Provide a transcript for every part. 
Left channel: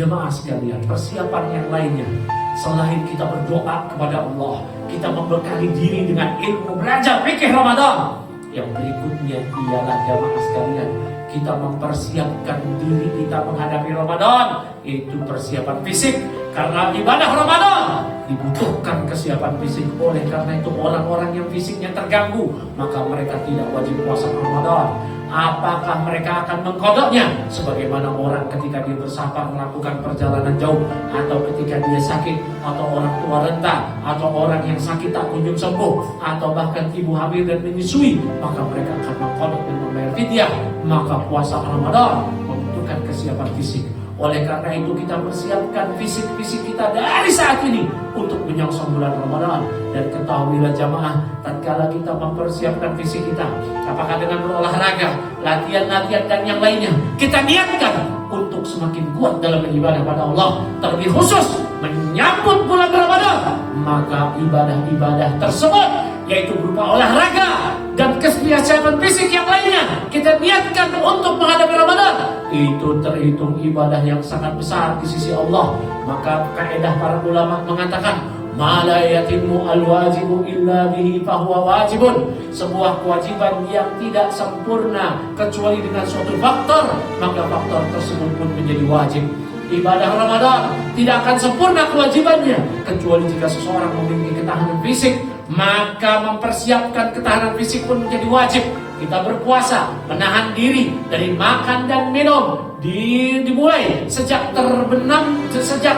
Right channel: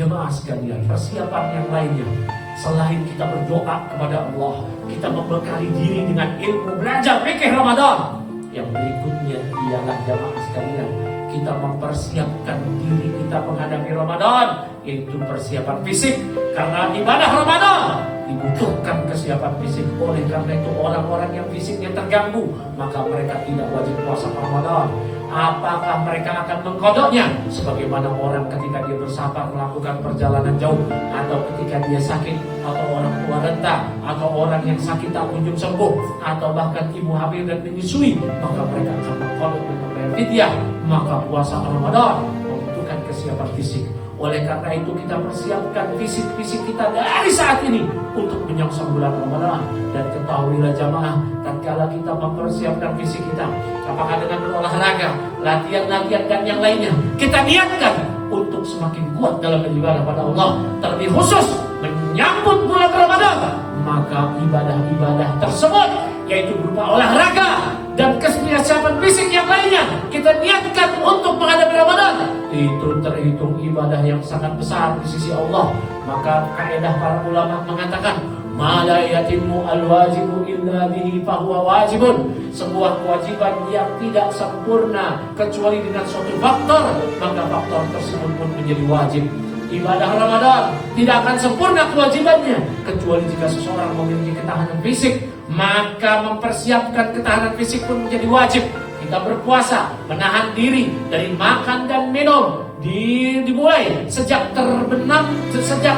Jemaah sekalian, persiapan yang lainnya selain kita berdoa kepada Allah, kita membekali diri dengan ilmu belajar fikih Ramadan. Yang berikutnya ialah jemaah sekalian, kita mempersiapkan diri kita menghadapi Ramadan, yaitu persiapan fisik. Karena ibadah Ramadan dibutuhkan kesiapan fisik. Oleh karena itu orang-orang yang fisiknya terganggu, maka mereka tidak wajib puasa Ramadan. Apakah mereka akan mengkodoknya? Sebagaimana orang ketika dia bersafar melakukan perjalanan jauh, atau ketika dia sakit, atau orang tua renta, atau orang yang sakit tak kunjung sembuh, atau bahkan ibu hamil dan menyusui, maka mereka akan mengkodok dan membayar fidyah. Maka puasa Ramadan membutuhkan kesiapan fisik. Oleh karena itu kita persiapkan fisik kita dari saat ini untuk menyongsong bulan Ramadan. Dan ketahuilah jamaah, tatkala kita mempersiapkan fisik kita, apakah dengan berolahraga, latihan-latihan dan yang lainnya, kita niatkan untuk semakin kuat dalam beribadah pada Allah, terlebih khusus menyambut bulan Ramadan, maka ibadah-ibadah tersebut, yaitu berupa olahraga dan kesiapan fisik yang lainnya, kita niatkan untuk menghadapi Ramadan, itu terhitung ibadah yang sangat besar di sisi Allah. Maka kaidah para ulama mengatakan, ma la yatimmu al-wajibu illa bihi fahuwa wajibun. Sebuah kewajiban yang tidak sempurna kecuali dengan suatu faktor, maka faktor tersebut pun menjadi wajib. Ibadah Ramadan tidak akan sempurna kewajibannya kecuali jika seseorang memiliki ketahanan fisik. Maka mempersiapkan ketahanan fisik pun menjadi wajib. Kita berpuasa, menahan diri dari makan dan minum, dimulai sejak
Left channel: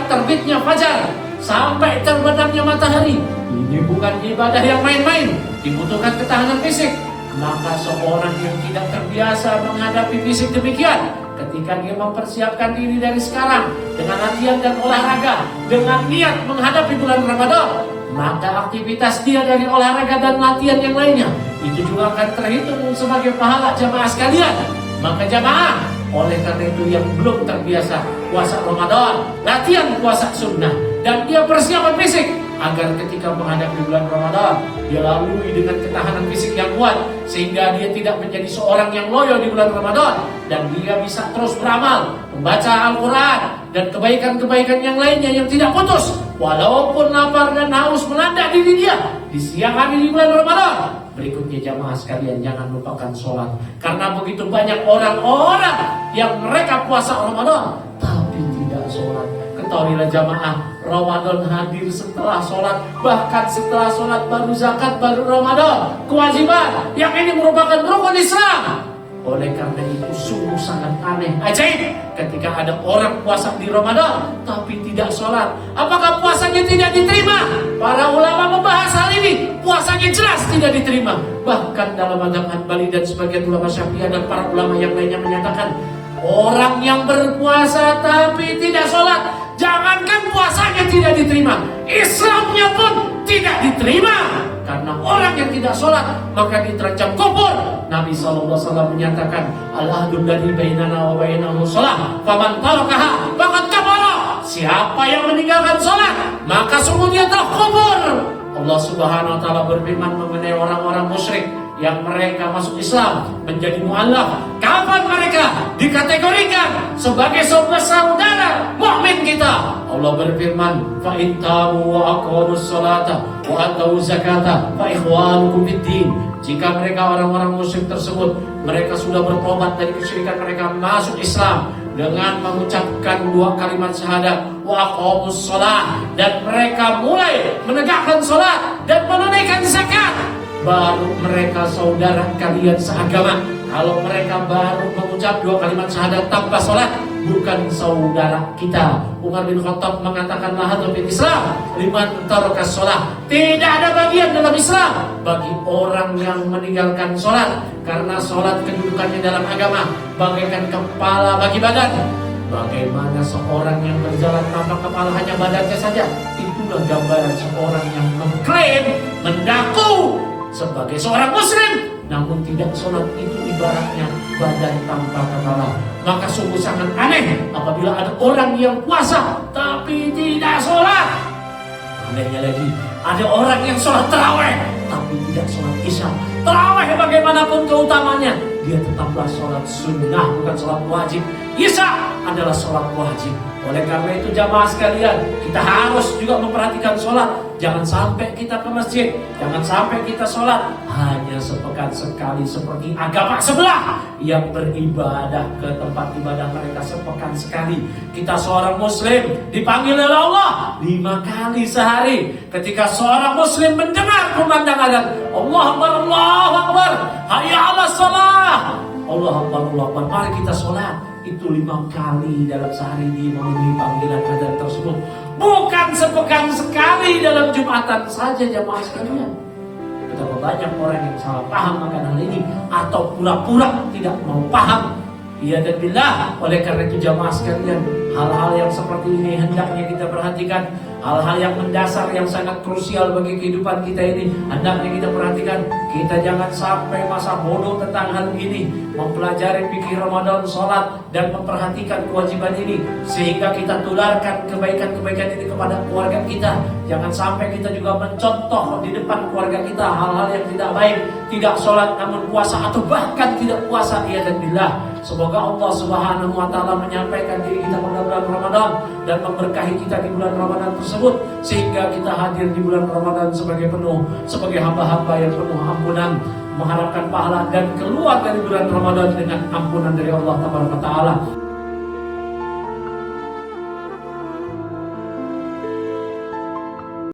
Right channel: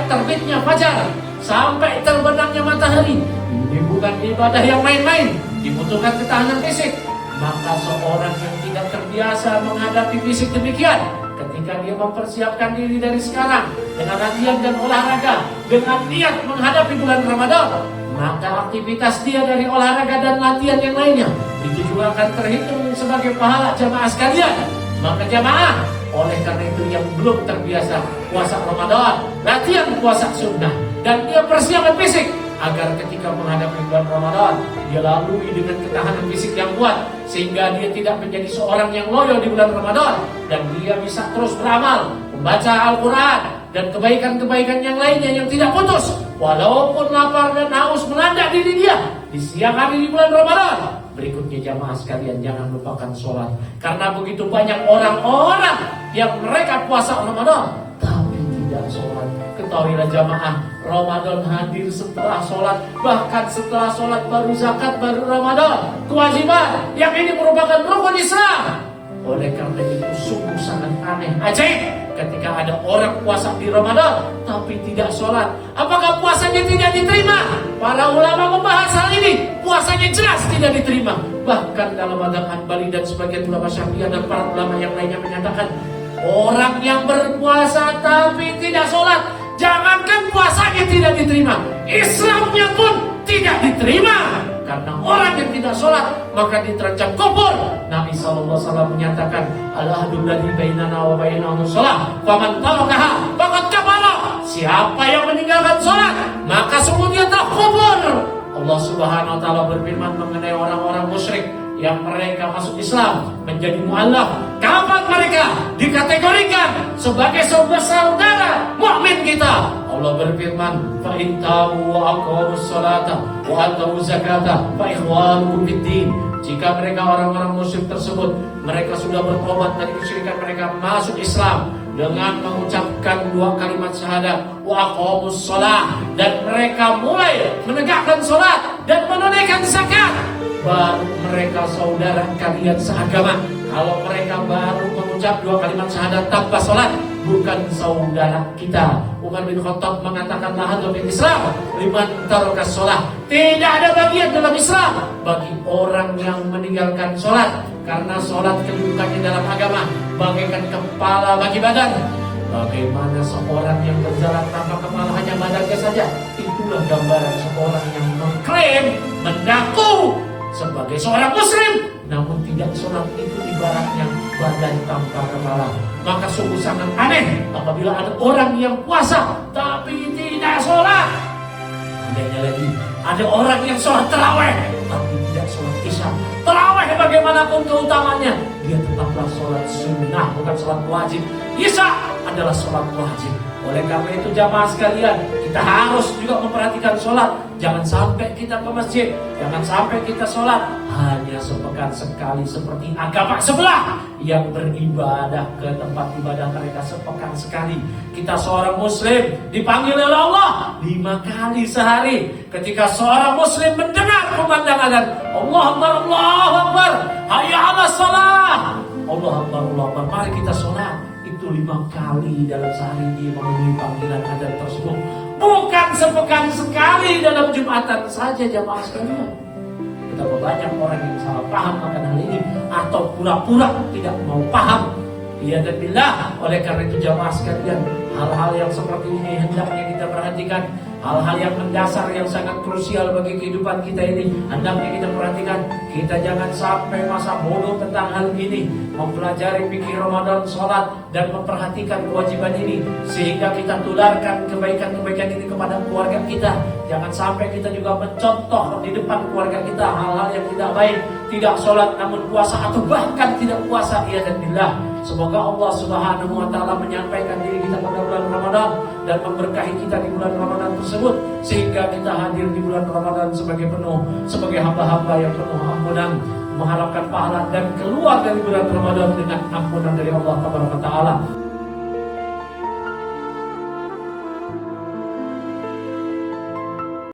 terbitnya fajar sampai terbenamnya matahari. Ini bukan ibadah yang main-main, dibutuhkan ketahanan fisik. Maka seorang yang tidak terbiasa menghadapi fisik demikian, ketika dia mempersiapkan diri dari sekarang dengan latihan dan olahraga, dengan niat menghadapi bulan Ramadan, maka aktivitas dia dari olahraga dan latihan yang lainnya itu juga akan terhitung sebagai pahala jamaah sekalian. Maka jamaah, oleh karena itu yang belum terbiasa puasa Ramadan, latihan puasa sunnah, dan dia persiapan fisik agar ketika menghadapi bulan Ramadan dia lalui dengan ketahanan fisik yang kuat, sehingga dia tidak menjadi seorang yang loyo di bulan Ramadan, dan dia bisa terus beramal, membaca Al-Quran dan kebaikan-kebaikan yang lainnya yang tidak putus, walaupun lapar dan haus melanda diri dia di siang hari di bulan Ramadan. Berikutnya jamaah sekalian, jangan lupakan sholat. Karena begitu banyak orang-orang yang mereka puasa Ramadan tapi tidak sholat. Ketahuilah jamaah, Ramadan hadir setelah sholat, bahkan setelah sholat baru zakat, baru Ramadan. Kewajiban yang ini merupakan rukun Islam. Oleh karena itu sungguh sangat aneh, ajaib ketika ada orang puasa di Ramadan tapi tidak sholat. Apakah puasanya tidak diterima? Para ulama membahas hal ini. Puasanya jelas tidak diterima. Bahkan dalam mazhab Hanbali dan sebagian ulama Syafi'iyah dan para ulama yang lainnya menyatakan, orang yang berpuasa tapi tidak sholat, jangankan puasanya tidak diterima, Islamnya pun tidak diterima. Karena orang yang tidak sholat maka diterancam kufur. Nabi SAW menyatakan, al-ahdu alladzi bainana wa bainahum shalah, faman tarakaha faqad kafara. Siapa yang meninggalkan sholat maka sungguh dia telah kufur. Allah Subhanahu wa taala berfirman mengenai orang-orang musyrik yang mereka masuk Islam menjadi mu'allaf. Kapan mereka dikategorikan sebagai saudara mukmin kita? Allah berfirman, fa in tabu wa aqamus salata wa atu zakata fa ikhwanukum fid din. Jika mereka orang-orang musyrik tersebut, mereka sudah bertobat dari kesyirikan mereka, masuk Islam dengan mengucapkan 2 kalimat syahadat wa aqamus shalah, dan mereka mulai menegakkan salat dan menunaikan zakat, baru mereka saudara kalian seagama. Kalau mereka baru mengucap 2 kalimat syahadat tanpa sholat, bukan saudara kita. Umar bin Khattab mengatakan, la hadza fil Islam liman taraka sholat. Tidak ada bagian dalam Islam bagi orang yang meninggalkan sholat. Karena sholat kedudukannya dalam agama bagaikan kepala bagi badan. Bagaimana seorang yang berjalan tanpa kepala, hanya badannya saja, itulah gambaran seorang yang mengklaim, mendaku sebagai seorang muslim, namun tidak sholat. Itu ibaratnya badan tanpa kepala. Maka sungguh sangat aneh apabila ada orang yang puasa tapi tidak sholat. Andainya lagi ada orang yang sholat tarawih tapi tidak sholat isya. Tarawih bagaimanapun keutamanya, dia tetaplah sholat sunnah, bukan sholat wajib. Isya adalah sholat wajib. Oleh karena itu jamaah sekalian, kita harus juga memperhatikan sholat. Jangan sampai kita ke masjid, jangan sampai kita sholat hanya sepekan sekali seperti agama sebelah yang beribadah ke tempat ibadah mereka sepekan sekali. Kita seorang muslim dipanggil oleh Allah 5 kali sehari. Ketika seorang muslim mendengar kumandang azan, Allah Akbar, Allah Akbar, hayya 'alas shalah, Allah Akbar, Allah Akbar, mari kita sholat. Itu 5 kali dalam sehari dia memenuhi panggilan azan tersebut. Bukan sepekan sekali dalam Jumatan saja jamaah sekalian. Betapa banyak orang yang salah paham akan hal ini atau pura-pura tidak mau paham. Ya dan billah. Oleh karena itu jamaah sekalian, hal-hal yang seperti ini hendaknya kita perhatikan. Hal-hal yang mendasar yang sangat krusial bagi kehidupan kita ini hendaknya kita perhatikan. Kita jangan sampai masa bodoh tentang hal ini, mempelajari fikih Ramadan, sholat, dan memperhatikan kewajiban ini sehingga kita tularkan kebaikan-kebaikan ini kepada keluarga kita. Jangan sampai kita juga mencontoh di depan keluarga kita hal-hal yang tidak baik, tidak sholat namun puasa atau bahkan tidak puasa. Ya dan billah. Semoga Allah Subhanahu wa taala menyampaikan diri kita pada bulan Ramadan dan memberkahi kita di bulan Ramadan tersebut sehingga kita hadir di bulan Ramadan sebagai hamba-hamba yang penuh ampunan, mengharapkan pahala dan keluar dari bulan Ramadan dengan ampunan dari Allah Taala.